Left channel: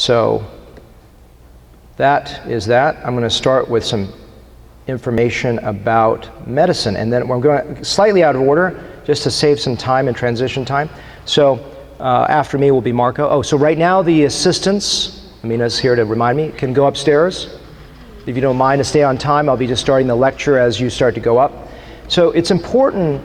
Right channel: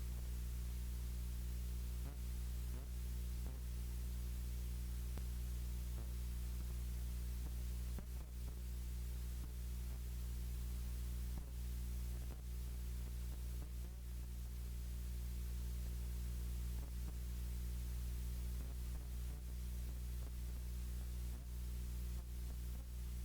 So that is that. I'm going to start with some information about medicine, and then we're going slightly out of order just to save some time and transition time. So after me will be Marco. Oh, so right now the assistants, Amina's here to remind me, can go upstairs. If you don't mind to stay on time, I'll be just starting the lecture as you start to go up. So it's important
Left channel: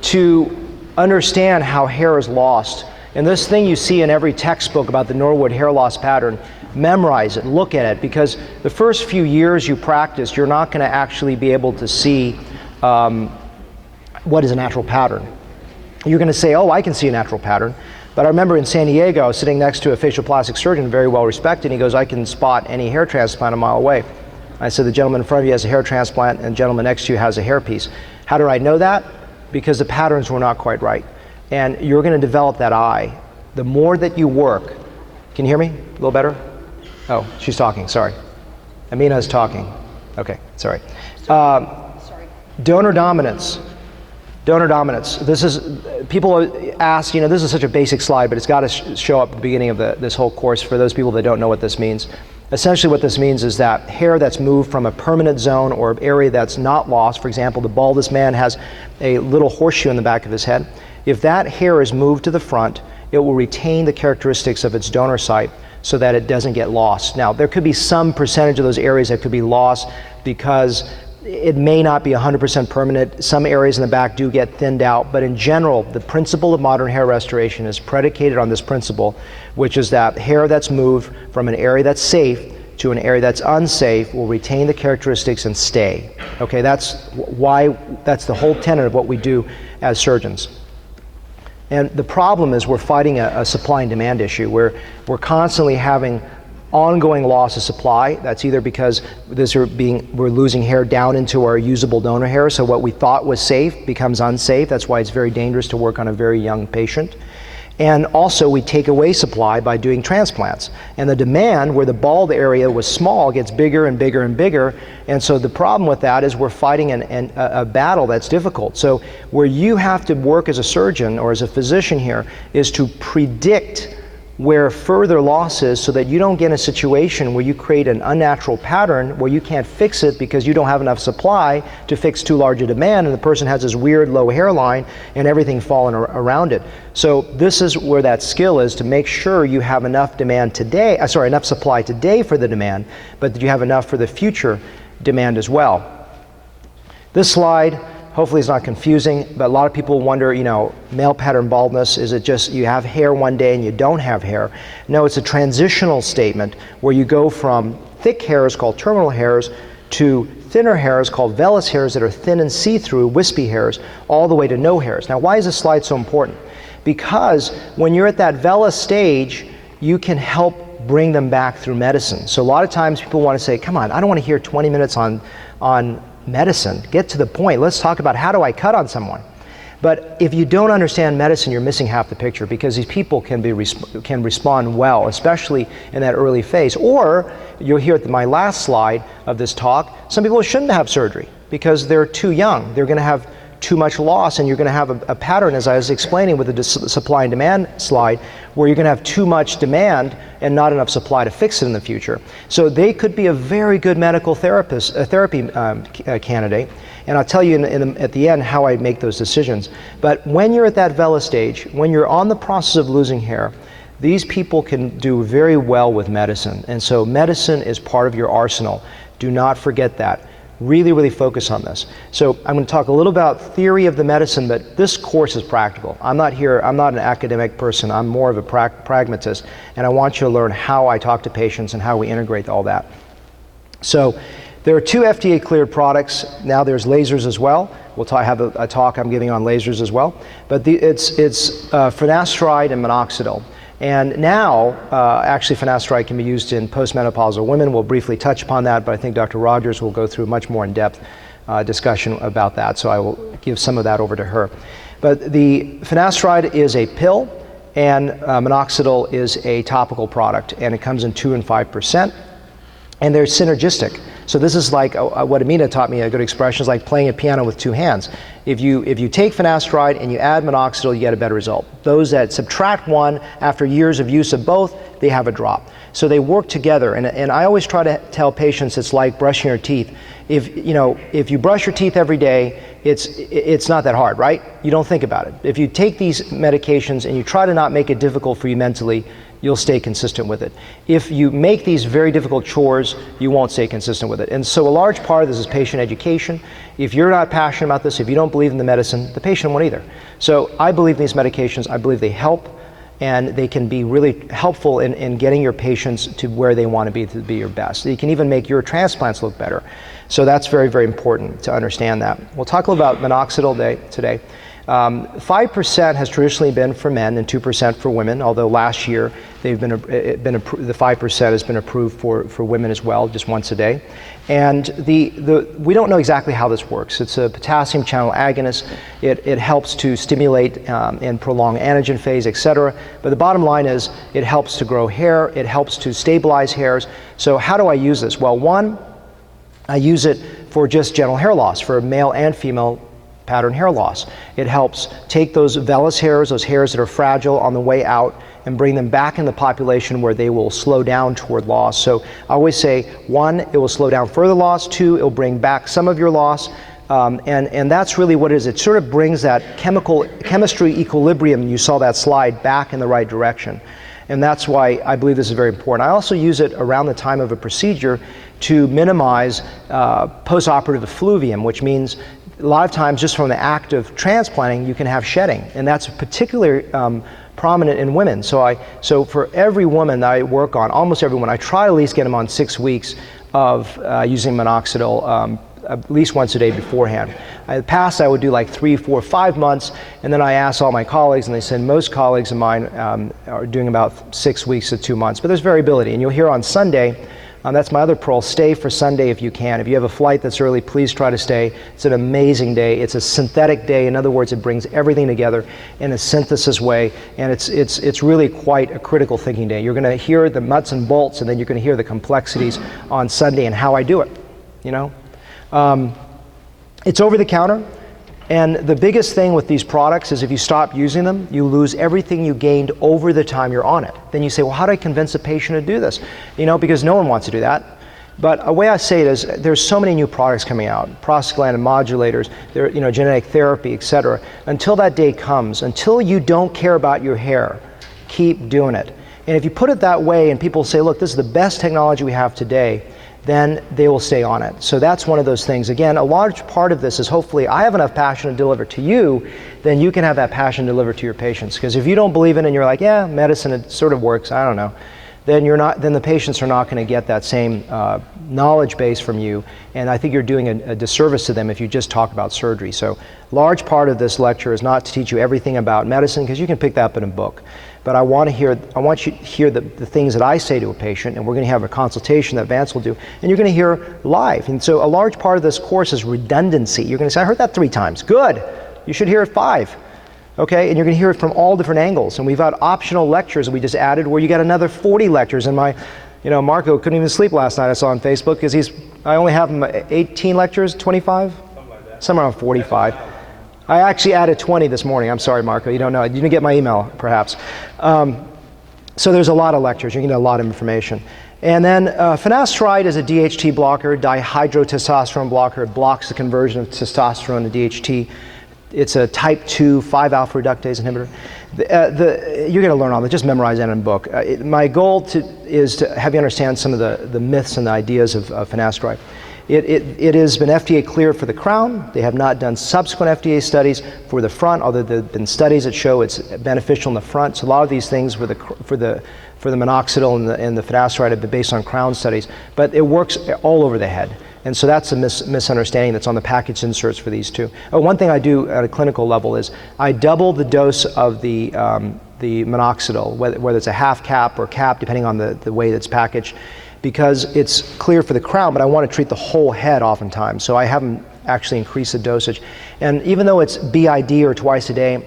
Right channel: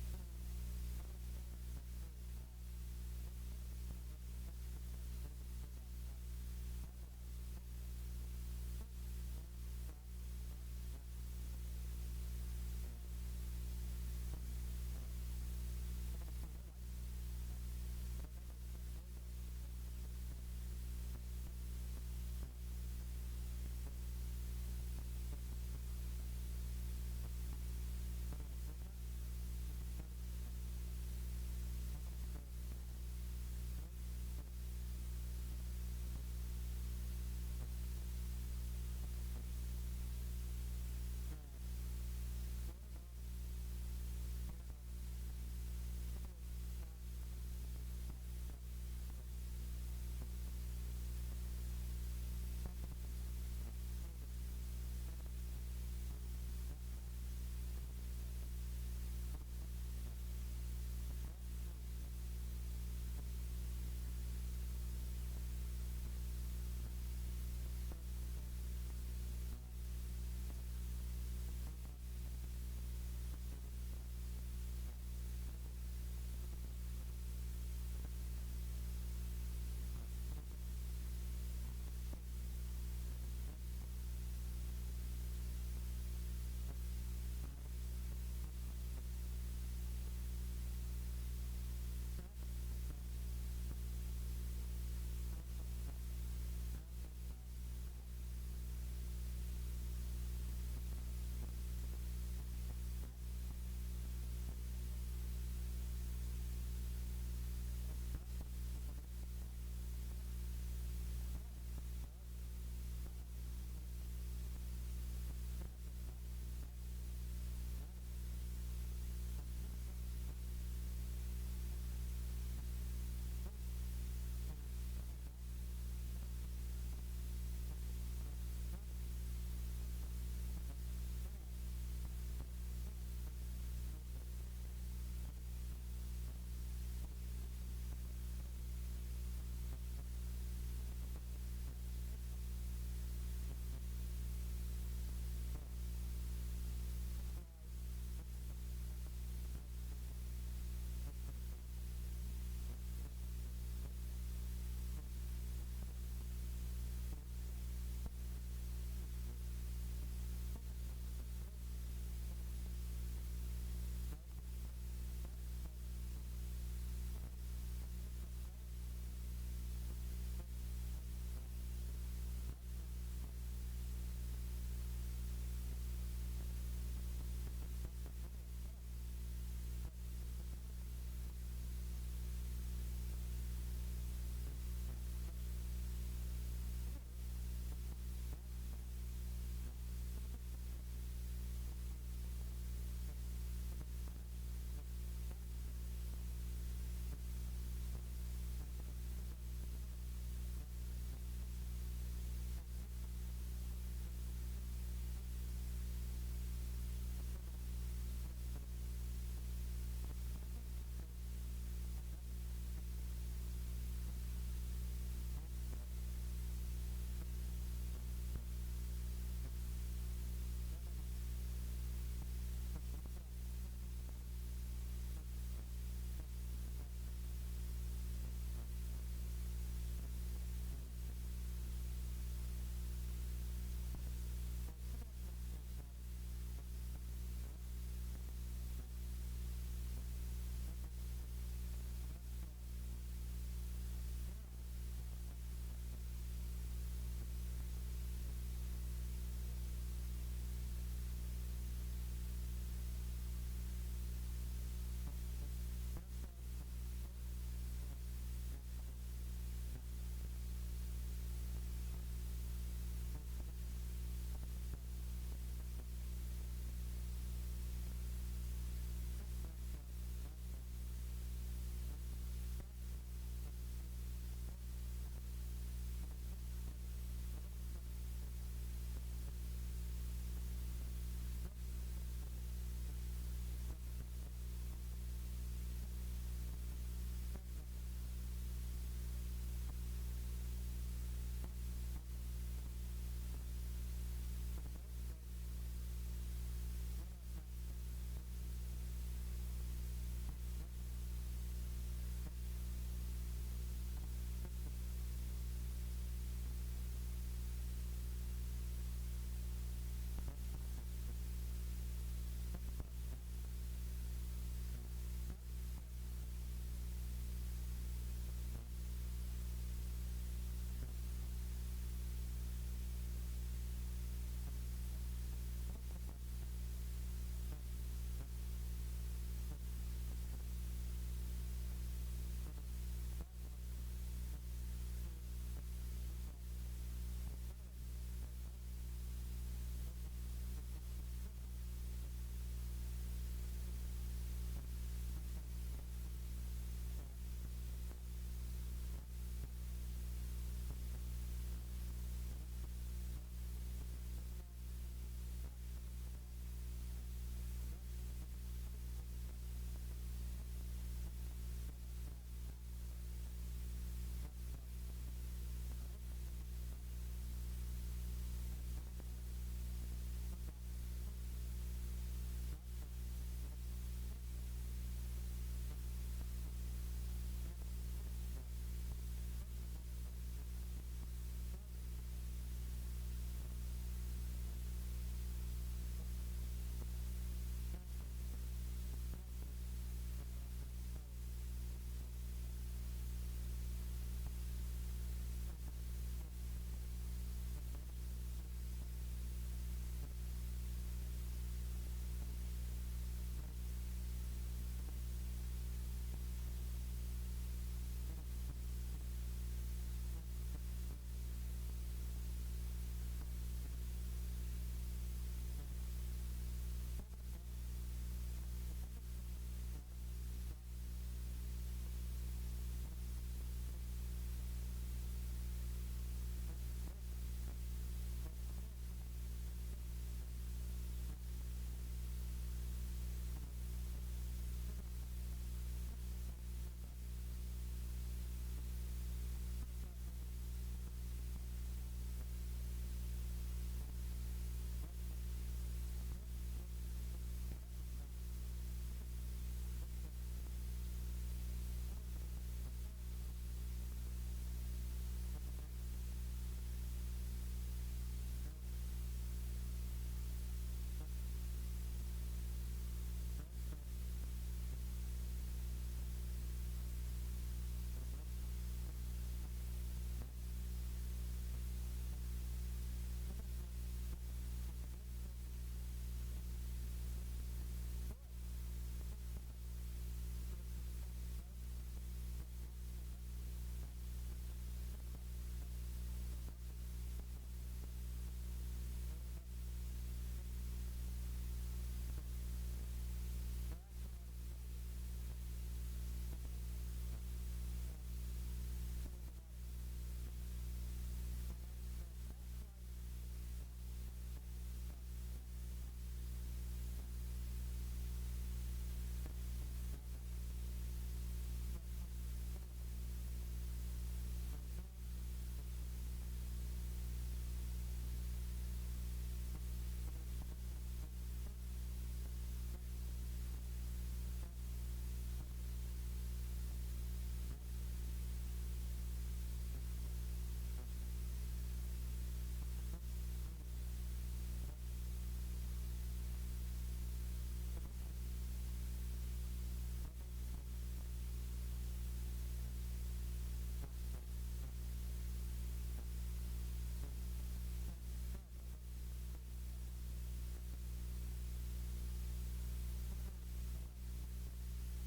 to understand how hair is lost. And this thing you see in every textbook about the Norwood hair loss pattern, memorize it, look at it, because the first few years you practice, you're not going to actually be able to see what is a natural pattern. You're going to say, oh, I can see a natural pattern. But I remember in San Diego, I was sitting next to a facial plastic surgeon, very well respected, and he goes, I can spot any hair transplant a mile away. I said, the gentleman in front of you has a hair transplant, and the gentleman next to you has a hairpiece. How do I know that? Because the patterns were not quite right. And you're going to develop that eye. The more that you work, can you hear me a little better? Oh, she's talking, sorry. Amina's talking. Okay, sorry. Donor dominance. Donor dominance. This is, people ask, you know, this is such a basic slide, but it's got to show up at the beginning of this whole course for those people that don't know what this means. Essentially what this means is that hair that's moved from a permanent zone or area that's not lost, for example, the baldest man has a little horseshoe in the back of his head. If that hair is moved to the front, it will retain the characteristics of its donor site so that it doesn't get lost. Now, there could be some percentage of those areas that could be lost because it may not be 100% permanent. Some areas in the back do get thinned out, but in general, the principle of modern hair restoration is predicated on this principle, which is that hair that's moved from an area that's safe to an area that's unsafe will retain the characteristics and stay. Okay, that's the whole tenet of what we do as surgeons. And the problem is we're fighting a supply and demand issue where we're constantly having ongoing loss of supply. That's either because we're losing hair down into our usable donor hair, so what we thought was safe becomes unsafe. That's why it's very dangerous to work on a very young patient. And also we take away supply by doing transplants. And the demand, where the bald area was small, gets bigger and bigger and bigger. And so the problem with that is we're fighting a battle that's difficult. So where you have to work as a surgeon or as a physician here is to predict where further loss is so that you don't get in a situation where you create an unnatural pattern where you can't fix it because you don't have enough supply to fix too large a demand, and the person has this weird low hairline and everything falling around it. So this is where that skill is, to make sure you have enough demand today, enough supply today for the demand, but that you have enough for the future demand as well. This slide, hopefully it's not confusing, but a lot of people wonder, you know, male pattern baldness, is it just you have hair one day and you don't have hair? No, it's a transitional statement where you go from thick hairs called terminal hairs to thinner hairs called vellus hairs that are thin and see-through, wispy hairs, all the way to no hairs. Now, why is this slide so important? Because when you're at that vellus stage, you can help bring them back through medicine. So a lot of times people want to say, come on, I don't want to hear 20 minutes on medicine. Get to the point. Let's talk about how do I cut on someone. But if you don't understand medicine, you're missing half the picture, because these people can respond well, especially in that early phase. Or you'll hear at my last slide of this talk, some people shouldn't have surgery because they're too young. They're going to have too much loss, and you're going to have a pattern, as I was explaining with the supply and demand slide, where you're going to have too much demand and not enough supply to fix it in the future. So they could be a very good medical therapy candidate, and I'll tell you at the end how I make those decisions. But when you're at that vellus stage, when you're on the process of losing hair, these people can do very well with medicine, and so medicine is part of your arsenal. Do not forget that. Really, really focus on this. So I'm going to talk a little about theory of the medicine, but this course is practical. I'm not an academic person. I'm more of a pragmatist, and I want you to learn how I talk to patients and how we integrate all that. So there are 2 FDA cleared products. Now there's lasers as well. I have a talk I'm giving on lasers as well. But it's Finasteride and minoxidil. And now, actually, Finasteride can be used in postmenopausal women. We'll briefly touch upon that, but I think Dr. Rogers will go through much more in-depth discussion about that, so I will give some of that over to her. But the Finasteride is a pill, and minoxidil is a topical product, and it comes in 2 and 5%, and they're synergistic. So this is like what Amina taught me, a good expression, is like playing a piano with 2 hands. If you take Finasteride and you add minoxidil, you get a better result. Those that subtract one after years of use of both, they have a drop. So they work together, and I always try to tell patients it's like brushing your teeth. If you brush your teeth every day, it's not that hard, right? You don't think about it. If you take these medications and you try to not make it difficult for you mentally, you'll stay consistent with it. If you make these very difficult chores, you won't stay consistent with it. And so a large part of this is patient education. If you're not passionate about this, if you don't believe in the medicine, the patient won't either. So I believe in these medications. I believe they help, and they can be really helpful in getting your patients to where they want to be your best. They can even make your transplants look better. So that's very, very important to understand that. We'll talk a little about minoxidil today. 5% has traditionally been for men and 2% for women, although last year the 5% has been approved for women as well, just once a day. And we don't know exactly how this works. It's a potassium channel agonist. It helps to stimulate and prolong anagen phase, et cetera. But the bottom line is it helps to grow hair. It helps to stabilize hairs. So how do I use this? Well, one, I use it for just general hair loss, for male and female pattern hair loss. It helps take those vellus hairs, those hairs that are fragile on the way out, and bring them back in the population where they will slow down toward loss. So I always say, one, it will slow down further loss. Two, it will bring back some of your loss. And that's really what it is. It sort of brings that chemistry equilibrium, you saw that slide, back in the right direction. And that's why I believe this is very important. I also use it around the time of a procedure to minimize postoperative effluvium, which means a lot of times just from the act of transplanting, you can have shedding. And that's particularly prominent in women. So for every woman that I work on, almost everyone, I try to at least get them on 6 weeks of using minoxidil at least once a day beforehand. In the past, I would do like 3, 4, 5 months, and then I asked all my colleagues, and they said most colleagues of mine are doing about 6 weeks to 2 months. But there's variability, and you'll hear on Sunday, that's my other pearl, stay for Sunday if you can. If you have a flight that's early, please try to stay. It's an amazing day. It's a synthetic day. In other words, it brings everything together in a synthesis way, and it's really quite a critical thinking day. You're going to hear the nuts and bolts, and then you're going to hear the complexities on Sunday and how I do it, you know? It's over the counter, and the biggest thing with these products is if you stop using them, you lose everything you gained over the time you're on it. Then you say, well, how do I convince a patient to do this? You know, because no one wants to do that. But a way I say it is, there's so many new products coming out, prostaglandin modulators, genetic therapy, et cetera. Until that day comes, until you don't care about your hair, keep doing it. And if you put it that way and people say, look, this is the best technology we have today, then they will stay on it. So that's one of those things. Again, a large part of this is hopefully I have enough passion to deliver to you, then you can have that passion delivered to your patients. Because if you don't believe in it and you're like, yeah, medicine, it sort of works, I don't know, then the patients are not going to get that same knowledge base from you. And I think you're doing a disservice to them if you just talk about surgery. So large part of this lecture is not to teach you everything about medicine, because you can pick that up in a book. But I want you to hear the things that I say to a patient, and we're going to have a consultation that Vance will do, and you're going to hear live. And so a large part of this course is redundancy. You're going to say, I heard that 3 times. Good. You should hear it 5. Okay, and you're going to hear it from all different angles. And we've got optional lectures that we just added where you got another 40 lectures. And Marco couldn't even sleep last night, I saw on Facebook, because I only have him 18 lectures, 25? Something like that. Somewhere around 45. I actually added 20 this morning. I'm sorry, Marco, you don't know. You didn't get my email, perhaps. So there's a lot of lectures. You're going to get a lot of information. And then Finasteride is a DHT blocker, dihydrotestosterone blocker. It blocks the conversion of testosterone to DHT. It's a type 2 5-alpha reductase inhibitor. You're going to learn all that. Just memorize that in a book. My goal is to have you understand some of the myths and the ideas of Finasteride. It has been FDA cleared for the crown. They have not done subsequent FDA studies for the front, although there have been studies that show it's beneficial in the front. So a lot of these things for the minoxidil and the finasteride have been based on crown studies, but it works all over the head. And so that's a misunderstanding that's on the package inserts for these two. One thing I do at a clinical level is I double the dose of the minoxidil, whether it's a half cap or cap, depending on the way that's packaged, because it's clear for the crown, but I want to treat the whole head oftentimes. So I haven't actually increased the dosage. And even though it's BID or twice a day,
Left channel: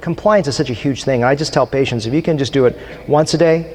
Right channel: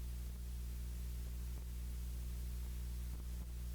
compliance is such a huge thing. And I just tell patients, if you can just do it once a day,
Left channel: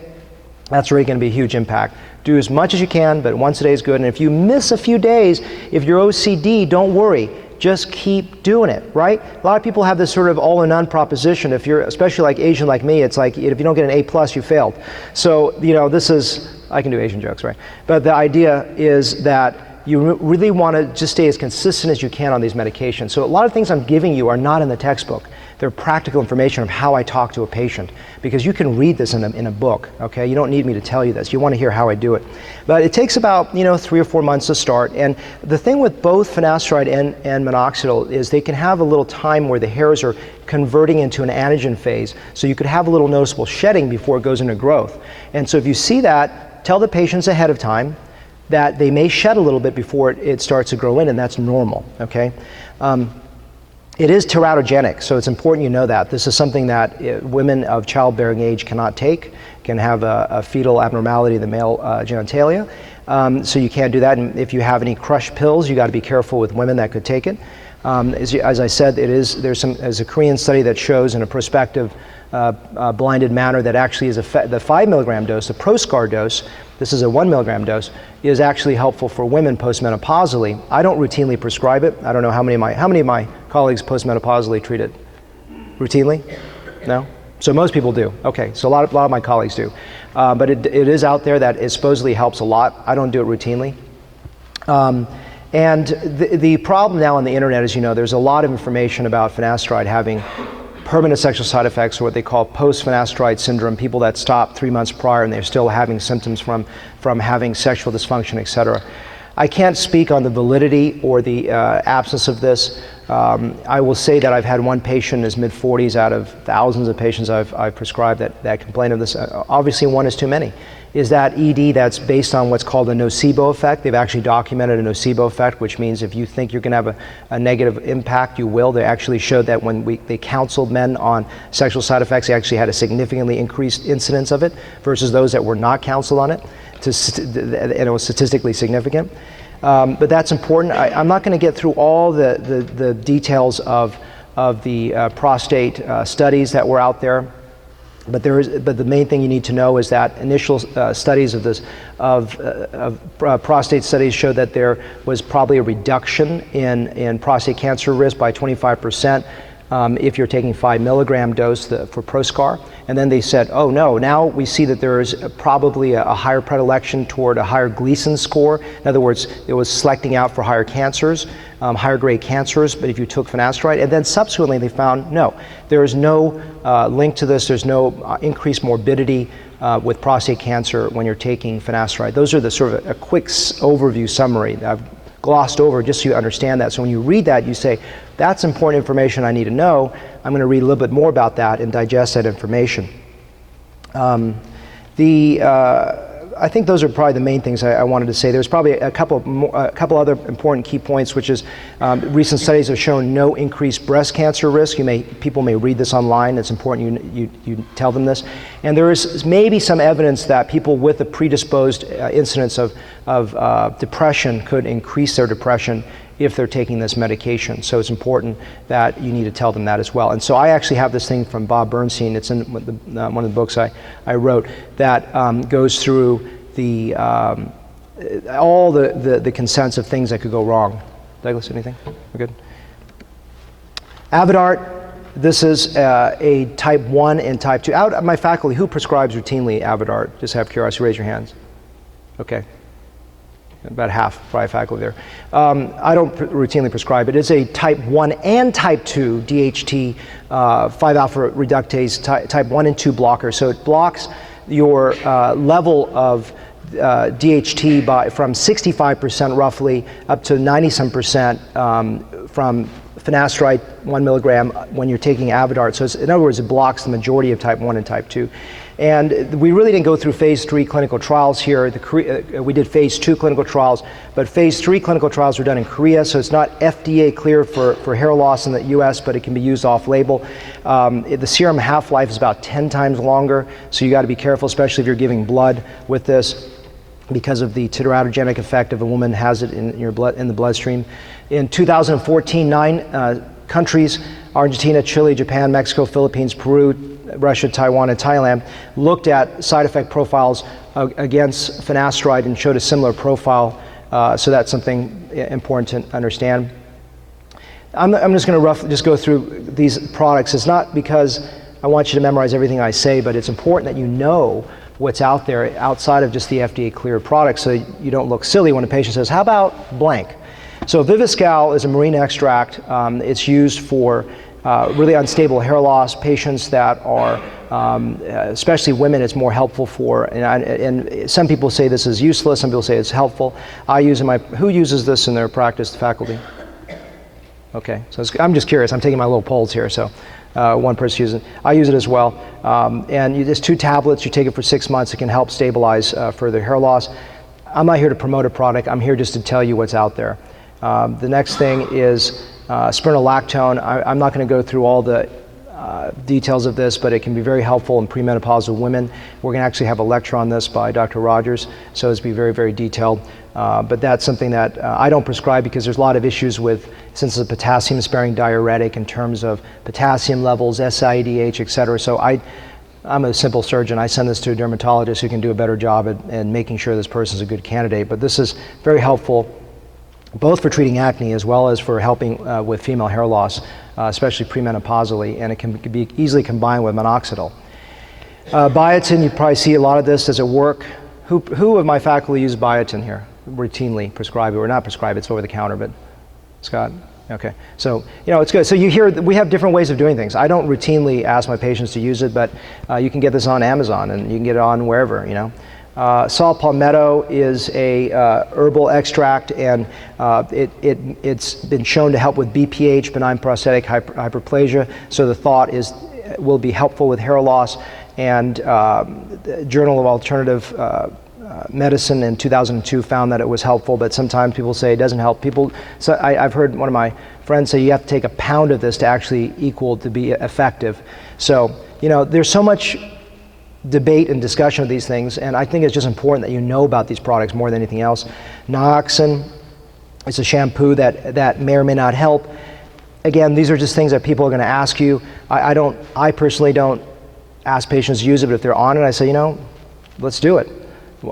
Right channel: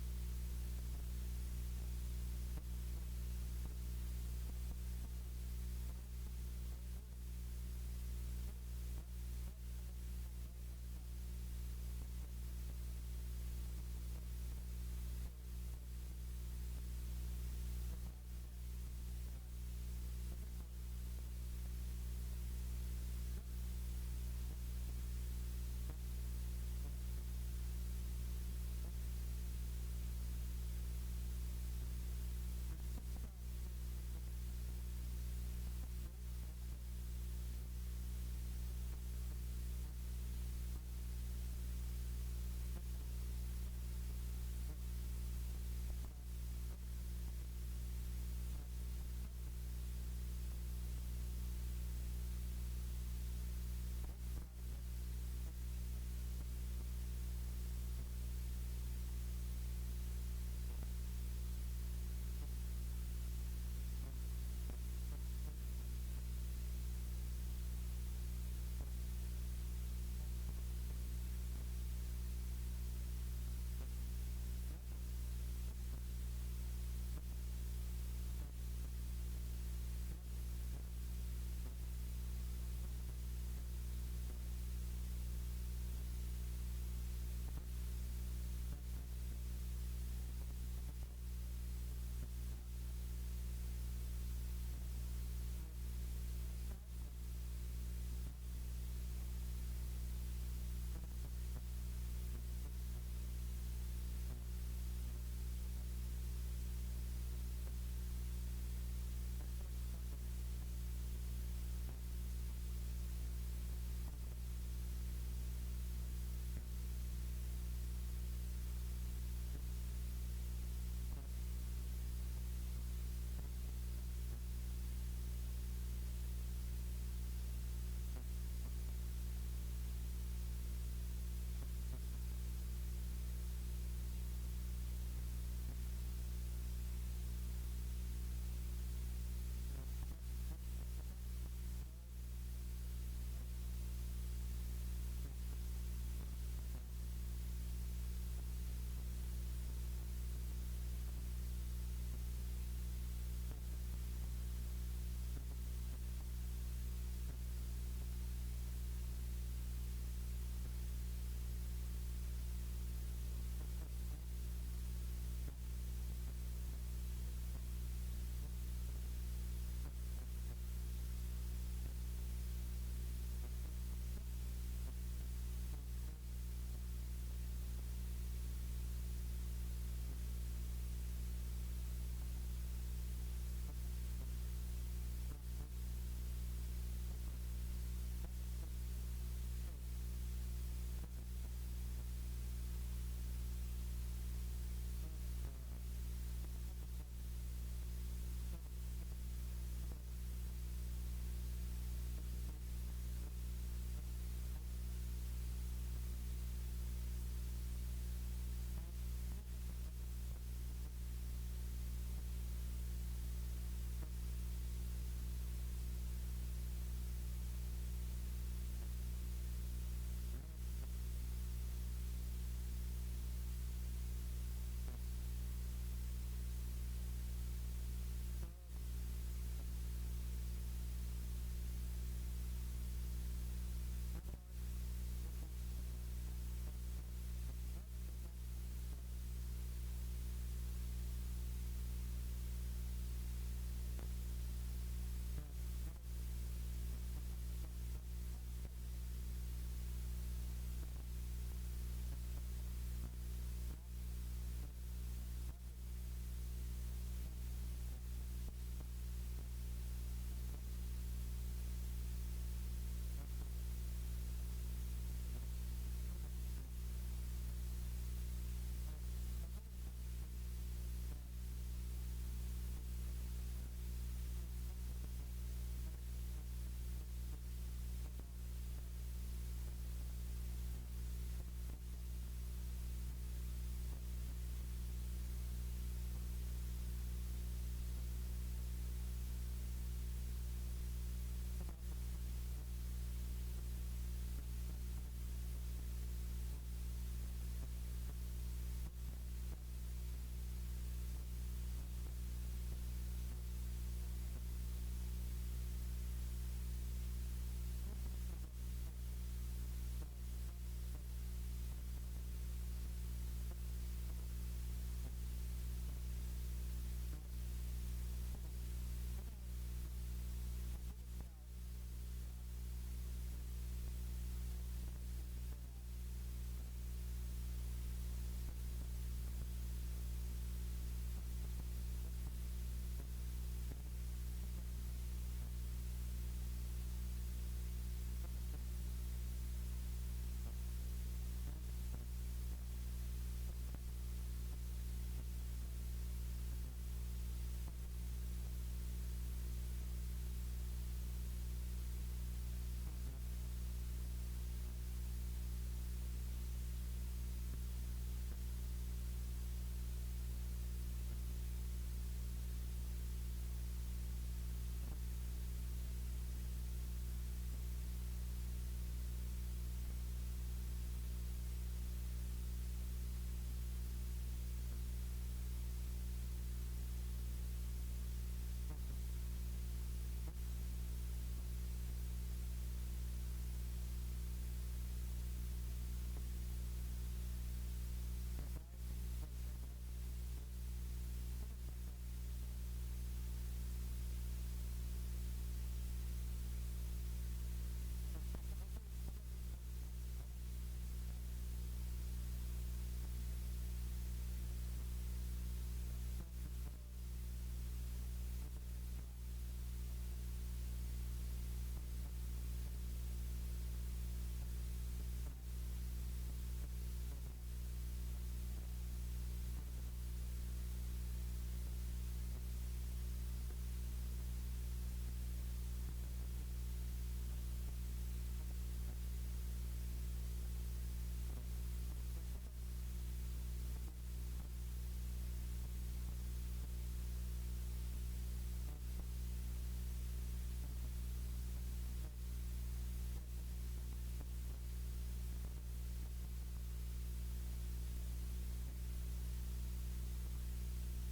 that's really going to be a huge impact. Do as much as you can, but once a day is good. And if you miss a few days, if you're OCD, don't worry. just keep doing it, right? A lot of people have this sort of all or none proposition. If you're, especially like Asian like me, it's like if you don't get an A+, you failed. So, this is, I can do Asian jokes, right? But the idea is that you really want to just stay as consistent as you can on these medications. So a lot of things I'm giving you are not in the textbook. They're practical information of how I talk to a patient, because you can read this in a book, okay? You don't need me to tell you this. You want to hear how I do it. But it takes about 3 or 4 months to start. And the thing with both finasteride and minoxidil is they can have a little time where the hairs are converting into an anagen phase. So you could have a little noticeable shedding before it goes into growth. And so if you see that, tell the patients ahead of time that they may shed a little bit before it starts to grow in, and that's normal, okay? It is teratogenic, so it's important you know that. This is something that women of childbearing age cannot take, can have a fetal abnormality in the male genitalia. So you can't do that. And if you have any crushed pills, you got to be careful with women that could take it. As I said, there's a Korean study that shows in a prospective blinded manner that actually is the 5 milligram dose, the Proscar dose, this is a 1 milligram dose, is actually helpful for women postmenopausally. I don't routinely prescribe it. I don't know how many of my colleagues postmenopausally treat it. Routinely? No? So most people do. Okay, so a lot of my colleagues do. But it is out there that it supposedly helps a lot. I don't do it routinely. And the problem now on the internet is, there's a lot of information about finasteride having permanent sexual side effects, or what they call post-finasteride syndrome, people that stop 3 months prior and they're still having symptoms from having sexual dysfunction, et cetera. I can't speak on the validity or the absence of this. I will say that I've had one patient in his mid-40s out of thousands of patients I've prescribed that complain of this. Obviously, one is too many. Is that ED that's based on what's called a Nocebo Effect. They've actually documented a Nocebo Effect, which means if you think you're going to have a negative impact, you will. They actually showed that when they counseled men on sexual side effects, they actually had a significantly increased incidence of it versus those that were not counseled on it, and it was statistically significant. But that's important. I'm not going to get through all the details of the prostate studies that were out there. But the main thing you need to know is that initial studies of prostate studies showed that there was probably a reduction in prostate cancer risk by 25% if you're taking 5 milligram dose for Proscar. And then they said, oh no, now we see that there is probably a higher predilection toward a higher Gleason score. In other words, it was selecting out for higher cancers, higher grade cancers, but if you took finasteride. And then subsequently they found, no, there is no link to this, there's no increased morbidity with prostate cancer when you're taking finasteride. Those are the sort of a quick overview summary I've glossed over just so you understand that. So when you read that, you say, that's important information I need to know. I'm going to read a little bit more about that and digest that information. I think those are probably the main things I wanted to say. There's probably a couple other important key points, which is recent studies have shown no increased breast cancer risk. People may read this online. It's important you tell them this. And there is maybe some evidence that people with a predisposed incidence of depression could increase their depression if they're taking this medication. So it's important that you need to tell them that as well. And so I actually have this thing from Bob Bernstein. It's in one of the books I wrote that goes through all the consents of things that could go wrong. Douglas, anything? We're good? Avodart, this is a type 1 and type 2. Out of my faculty, who prescribes routinely Avodart? Just have curiosity, raise your hands. Okay. About half, probably faculty there. I don't routinely prescribe it. It's a type 1 and type 2 DHT 5-alpha reductase type 1 and 2 blocker. So it blocks your level of DHT from 65% roughly up to 90-some% from finasteride 1 milligram when you're taking Avodart. So in other words, it blocks the majority of type 1 and type 2. And we really didn't go through phase 3 clinical trials here. We did phase 2 clinical trials, but phase 3 clinical trials were done in Korea, so it's not FDA cleared for hair loss in the US, but it can be used off-label. The serum half-life is about 10 times longer, so you got to be careful, especially if you're giving blood with this, because of the teratogenic effect if a woman has it in the bloodstream. In 2014, 9 countries, Argentina, Chile, Japan, Mexico, Philippines, Peru, Russia, Taiwan, and Thailand, looked at side effect profiles against finasteride and showed a similar profile. So that's something important to understand. I'm just going to roughly just go through these products. It's not because I want you to memorize everything I say, but it's important that you know what's out there outside of just the FDA cleared products, so you don't look silly when a patient says, how about blank? So Viviscal is a marine extract. It's used for really unstable hair loss, patients that are, especially women, it's more helpful for, and some people say this is useless, some people say it's helpful. I use it who uses this in their practice, the faculty? Okay, so I'm just curious, I'm taking my little polls here, so one person uses it. I use it as well. And there's 2 tablets, you take it for 6 months, it can help stabilize further hair loss. I'm not here to promote a product, I'm here just to tell you what's out there. The next thing is spironolactone. I'm not going to go through all the details of this, but it can be very helpful in premenopausal women. We're going to actually have a lecture on this by Dr. Rogers, so it's be very, very detailed. But that's something that I don't prescribe because there's a lot of issues with, since it's a potassium-sparing diuretic in terms of potassium levels, SIADH, et cetera. So I'm a simple surgeon. I send this to a dermatologist who can do a better job at making sure this person's a good candidate. But this is very helpful both for treating acne as well as for helping with female hair loss, especially premenopausally, and it can be easily combined with minoxidil. Biotin, you probably see a lot of this. Does it work? Who of my faculty use Biotin here? Routinely prescribe it, or not prescribe it, it's over the counter, but Scott? Okay, so it's good. So you hear, we have different ways of doing things. I don't routinely ask my patients to use it, but you can get this on Amazon and you can get it on wherever, Saw palmetto is a herbal extract, and it's been shown to help with BPH, benign prostatic hyperplasia. So the thought is will be helpful with hair loss. And Journal of Alternative Medicine in 2002 found that it was helpful, but sometimes people say it doesn't help. So I've heard one of my friends say you have to take a pound of this to actually equal to be effective. So there's so much debate and discussion of these things, and I think it's just important that you know about these products more than anything else. Nioxin is a shampoo that may or may not help. Again, these are just things that people are going to ask you. I personally don't ask patients to use it, but if they're on it, I say, let's do it.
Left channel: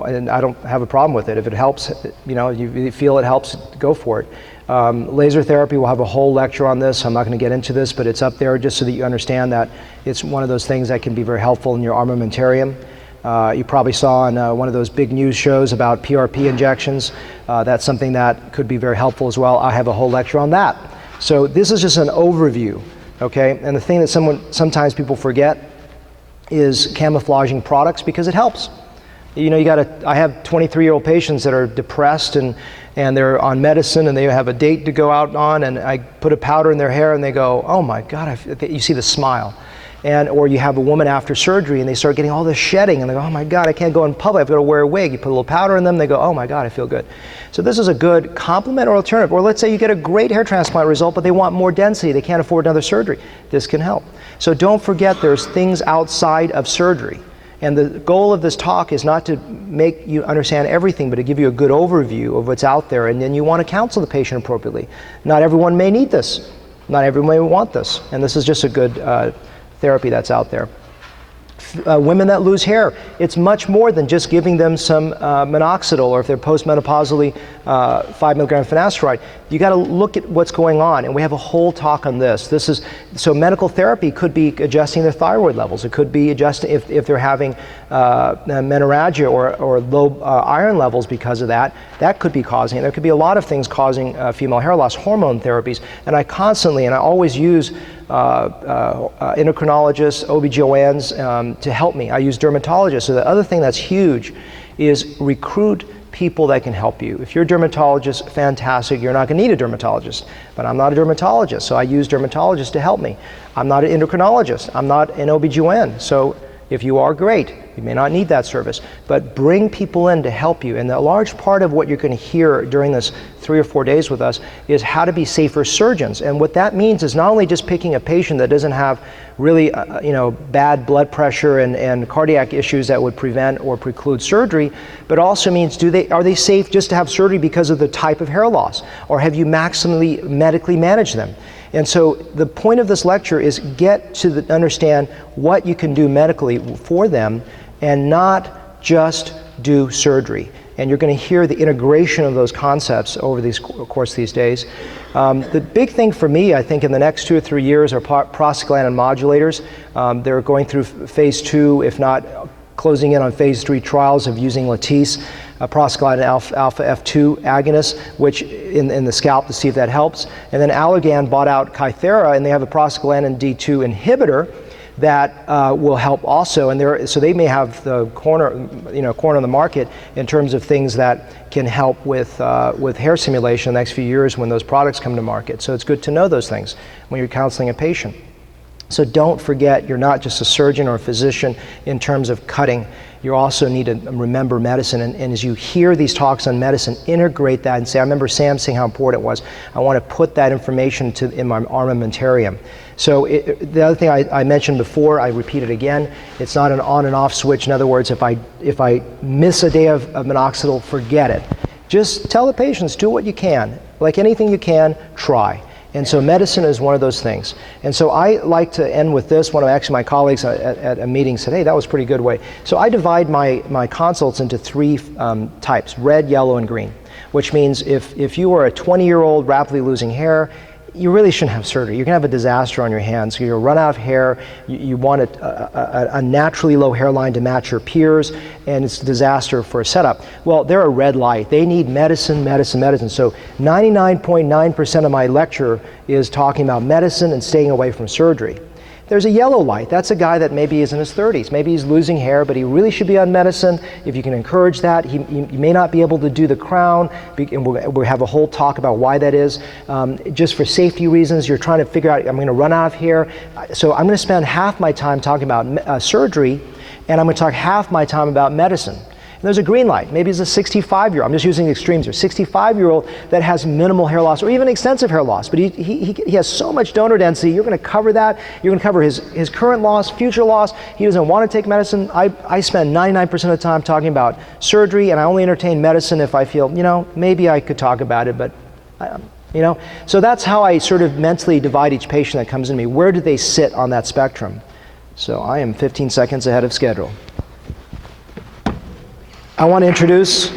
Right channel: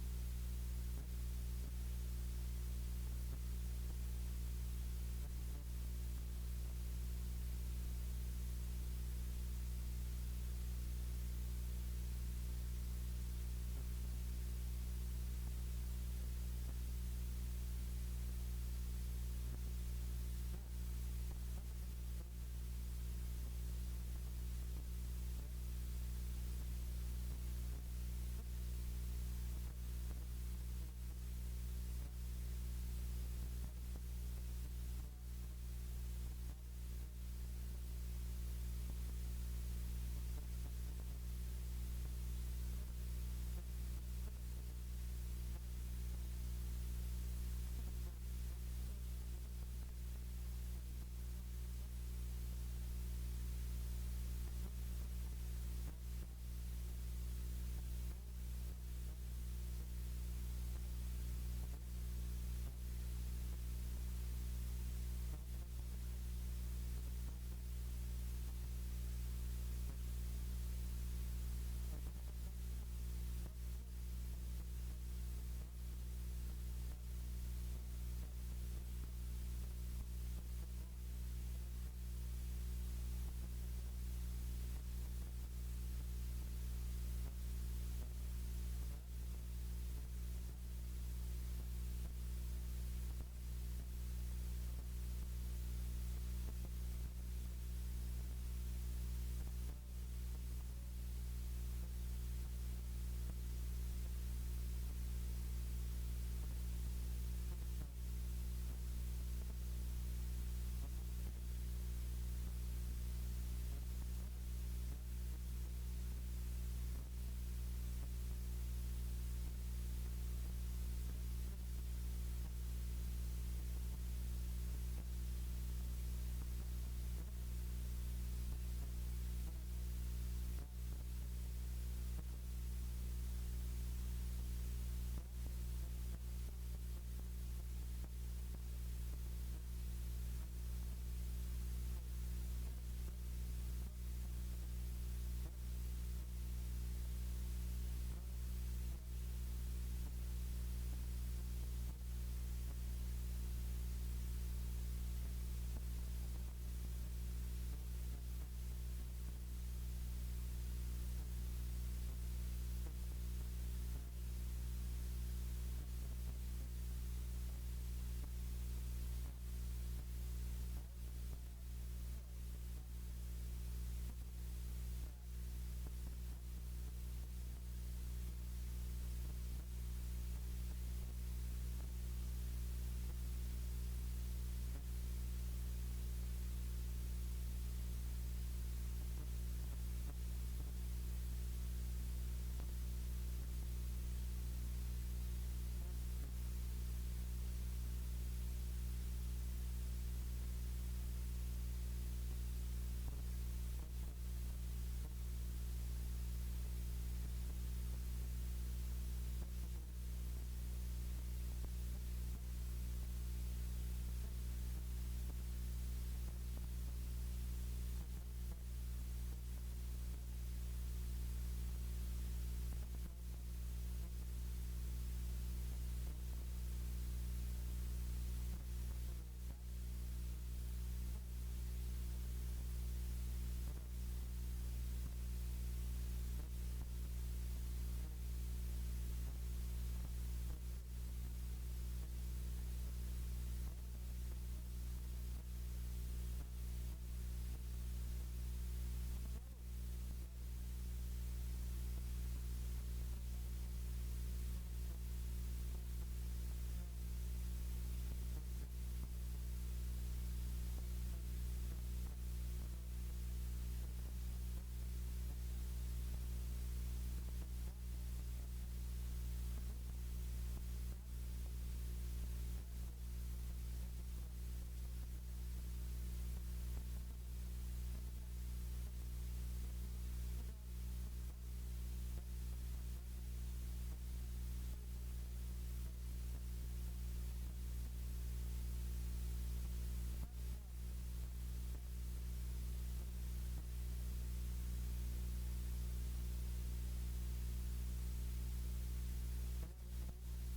And I don't have a problem with it. If it helps, you feel it helps, go for it. Laser therapy, we'll have a whole lecture on this. I'm not going to get into this, but it's up there just so that you understand that it's one of those things that can be very helpful in your armamentarium. You probably saw on one of those big news shows about PRP injections. That's something that could be very helpful as well. I have a whole lecture on that. So this is just an overview, okay? And the thing that sometimes people forget is camouflaging products, because it helps. I have 23-year-old patients that are depressed and they're on medicine and they have a date to go out on, and I put a powder in their hair and they go, oh my God, you see the smile. Or you have a woman after surgery and they start getting all this shedding and they go, oh my God, I can't go in public, I've got to wear a wig. You put a little powder in them, they go, oh my God, I feel good. So this is a good complementary alternative. Or let's say you get a great hair transplant result, but they want more density, they can't afford another surgery. This can help. So don't forget there's things outside of surgery. And the goal of this talk is not to make you understand everything, but to give you a good overview of what's out there, and then you want to counsel the patient appropriately. Not everyone may need this. Not everyone may want this. And this is just a good therapy that's out there. Women that lose hair, it's much more than just giving them some minoxidil, or if they're postmenopausally 5 milligram finasteride. You got to look at what's going on, and we have a whole talk on this. So medical therapy could be adjusting their thyroid levels. It could be adjusting if they're having menorrhagia or low iron levels because of that. That could be causing it. There could be a lot of things causing female hair loss, hormone therapies, and I always use endocrinologists, OBGYNs to help me. I use dermatologists. So the other thing that's huge is recruit people that can help you. If you're a dermatologist, fantastic. You're not going to need a dermatologist. But I'm not a dermatologist, so I use dermatologists to help me. I'm not an endocrinologist. I'm not an OBGYN. So if you are, great. You may not need that service, but bring people in to help you. And a large part of what you're going to hear during this 3 or 4 days with us is how to be safer surgeons. And what that means is not only just picking a patient that doesn't have really bad blood pressure and cardiac issues that would prevent or preclude surgery, but also means are they safe just to have surgery because of the type of hair loss, or have you maximally medically managed them? And so the point of this lecture is get to understand what you can do medically for them and not just do surgery. And you're going to hear the integration of those concepts over the course of these days. The big thing for me, I think, in the next 2 or 3 years are prostaglandin modulators. They're going through phase 2, if not closing in on phase 3 trials of using Latisse, prostaglandin alpha F2 agonist, which in the scalp to see if that helps. And then Allergan bought out Kythera, and they have a prostaglandin D2 inhibitor that will help also. And so they may have the corner on the market in terms of things that can help with hair simulation in the next few years when those products come to market. So it's good to know those things when you're counseling a patient. So don't forget, you're not just a surgeon or a physician in terms of cutting. You also need to remember medicine. And as you hear these talks on medicine, integrate that and say, I remember Sam saying how important it was. I want to put that information in my armamentarium. So the other thing I mentioned before, I repeat it again, it's not an on and off switch. In other words, if I miss a day of minoxidil, forget it. Just tell the patients, do what you can. Like anything you can, try. And so medicine is one of those things. And so I like to end with this. One of my colleagues at a meeting said, hey, that was a pretty good way. So I divide my consults into 3 types, red, yellow, and green, which means if you are a 20-year-old rapidly losing hair, you really shouldn't have surgery. You're going to have a disaster on your hands. You'll run out of hair. You want a naturally low hairline to match your peers, and it's a disaster for a setup. Well, they're a red light. They need medicine, medicine, medicine. So 99.9% of my lecture is talking about medicine and staying away from surgery. There's a yellow light. That's a guy that maybe is in his 30s. Maybe he's losing hair, but he really should be on medicine. If you can encourage that, he may not be able to do the crown, and we'll have a whole talk about why that is. Just for safety reasons, you're trying to figure out, I'm going to run out of hair. So I'm going to spend half my time talking about surgery, and I'm going to talk half my time about medicine. And there's a green light. Maybe it's a 65-year-old. I'm just using extremes here. 65-year-old that has minimal hair loss or even extensive hair loss, but he has so much donor density. You're going to cover that. You're going to cover his current loss, future loss. He doesn't want to take medicine. I spend 99% of the time talking about surgery, and I only entertain medicine if I feel, maybe I could talk about it, but So that's how I sort of mentally divide each patient that comes in to me. Where do they sit on that spectrum? So I am 15 seconds ahead of schedule. I want to introduce